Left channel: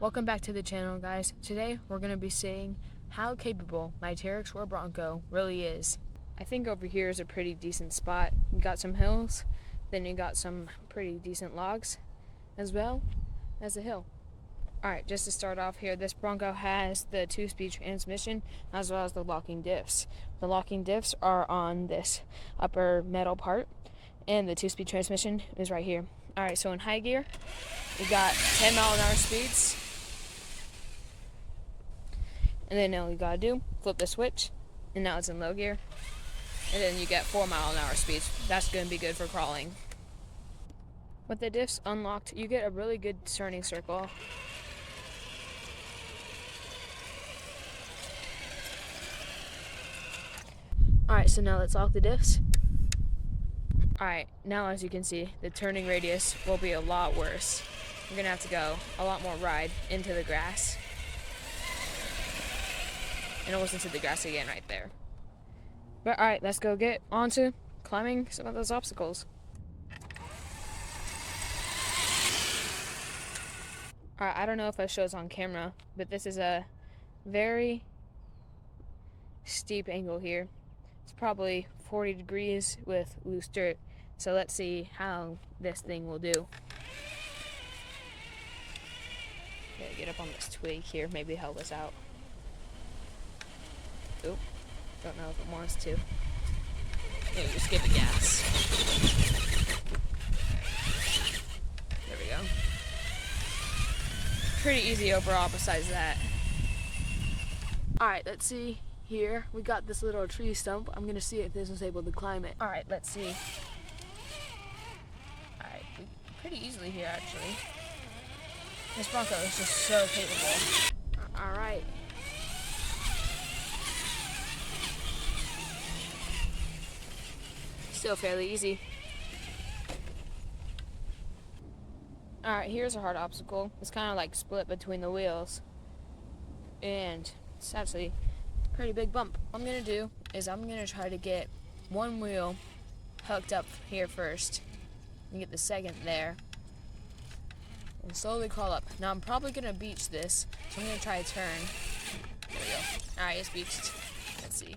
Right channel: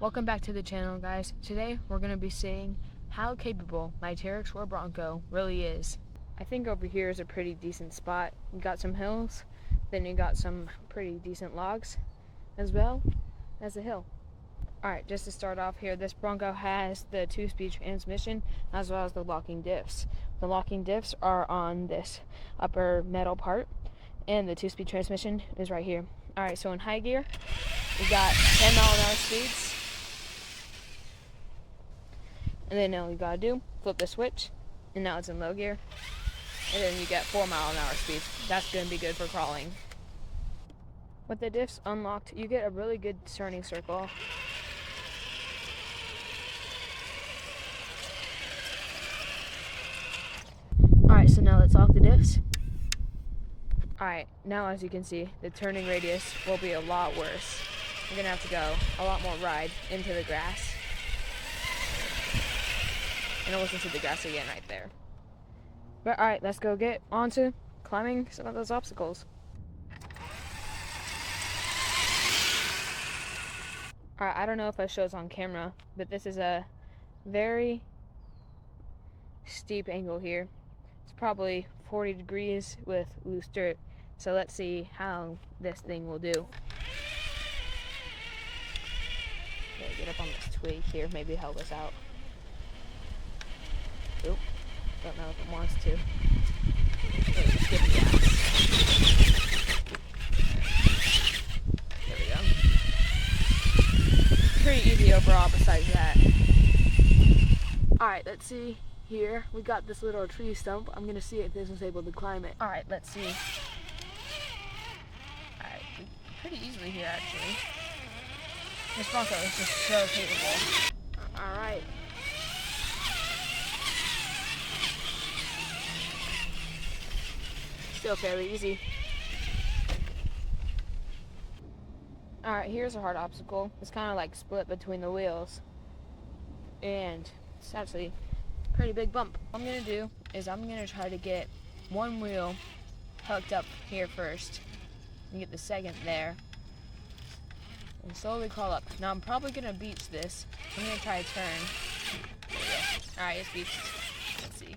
Welcome back to the channel, guys. Today we're going to be seeing how capable my Trx4 Bronco really is. I think over here is a pretty decent spot. You got some hills, then you got some pretty decent logs, as well as a hill. Alright, just to start off here, this Bronco has the 2-speed transmission as well as the locking diffs. The locking diffs are on this upper metal part, and the 2-speed transmission is right here. Alright, so in high gear, we got 10 mile an hour speeds. And then all you gotta do, flip the switch, and now it's in low gear. And then you get 4 mile an hour speeds. That's gonna be good for crawling. With the diffs unlocked, you get a really good turning circle. Alright, so now let's lock the diffs. Alright, now as you can see, the turning radius will be a lot worse. You're gonna have to go a lot more ride into the grass. And I'll listen to the grass again right there. But alright, let's go get on to climbing some of those obstacles. Alright, I don't know if it shows on camera, but this is a very steep angle here. It's probably 40 degrees with loose dirt. So let's see how this thing will do. Okay, get up on this twig here, maybe help us out. Oop, don't know if it wants to. Okay, just give it gas. There we go. Pretty easy overall besides that. Alright, let's see here. We got this little tree stump. I'm gonna see if this is able to climb it. Alright, let's see. Alright, pretty easily here actually. This Bronco is just so capable. Alright. Still fairly easy. Alright, here's a hard obstacle. It's kind of like split between the wheels. And it's actually a pretty big bump. What I'm going to do is I'm going to try to get one wheel hooked up here first. And get the second there. And slowly crawl up. Now I'm probably going to beach this. I'm going to try to turn. There we go. Alright, it's beached. Let's see.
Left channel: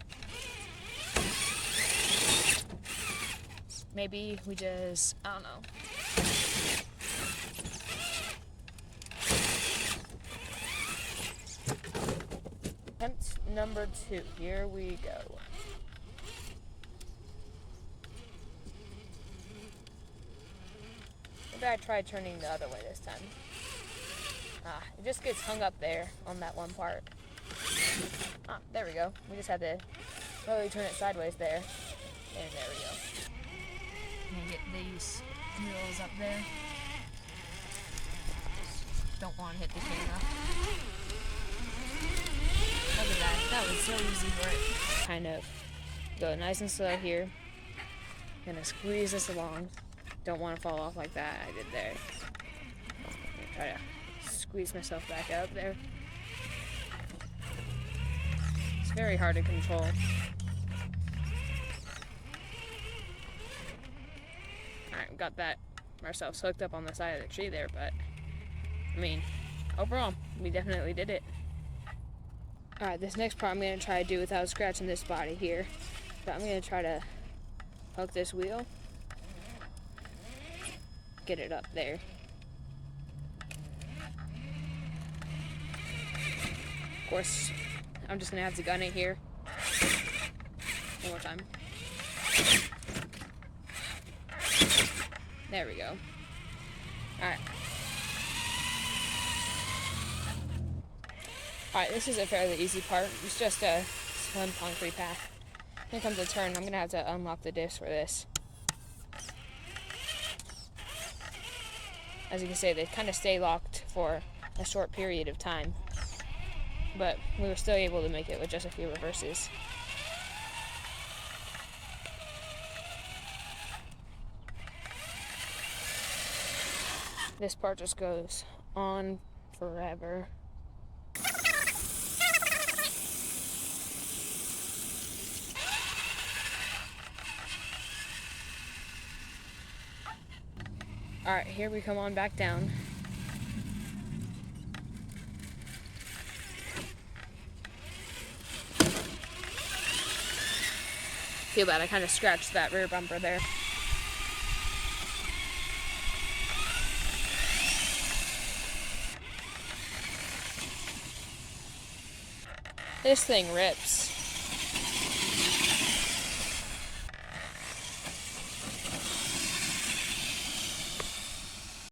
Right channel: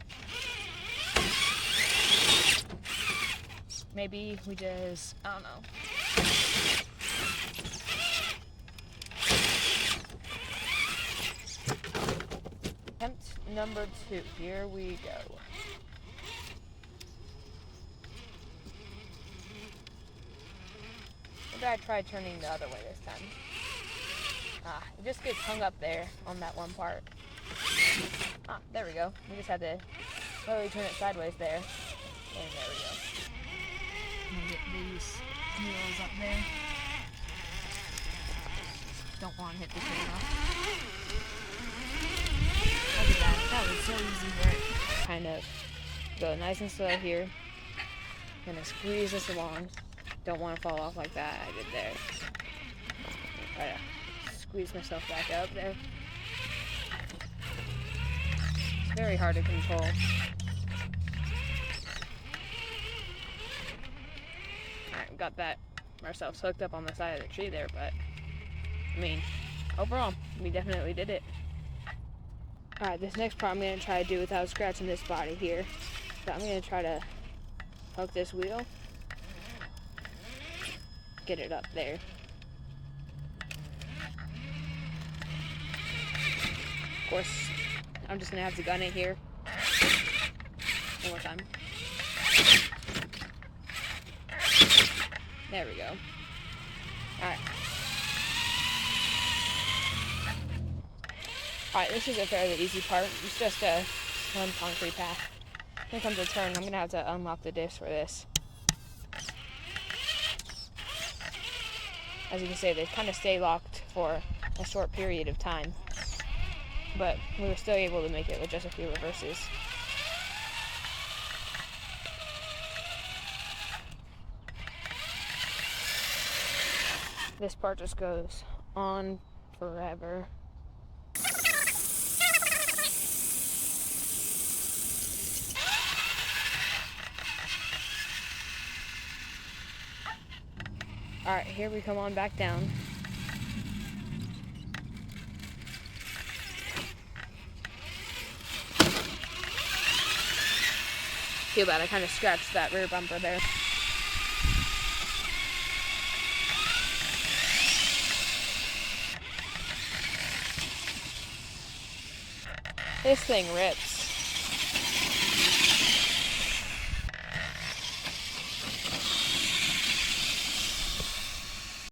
Maybe we just, I don't know. Attempt number 2. Here we go. Maybe I try turning the other way this time. It just gets hung up there on that one part. There we go. We just had to slowly turn it sideways there. And there we go. Get these wheels up there. Don't want to hit the camera. Look at that. That was so easy for it. Kind of go nice and slow here. Gonna squeeze this along. Don't want to fall off like that. I did there. Try to squeeze myself back up there. It's very hard to control. Alright, got that ourselves hooked up on the side of the tree there, but I mean, overall, we definitely did it. Alright, this next part I'm going to try to do without scratching this body here. So I'm going to try to hook this wheel, get it up there. Of course, I'm just going to have to gun it here. One more time. There we go. Alright. Alright, this is a fairly easy part. It's just a one concrete path. Here comes a turn. I'm going to have to unlock the diffs for this. As you can see, they kind of stay locked for a short period of time. But we were still able to make it with just a few reverses. This part just goes on forever. Alright, here we come on back down. Too bad, I kind of scratched that rear bumper there. This thing rips.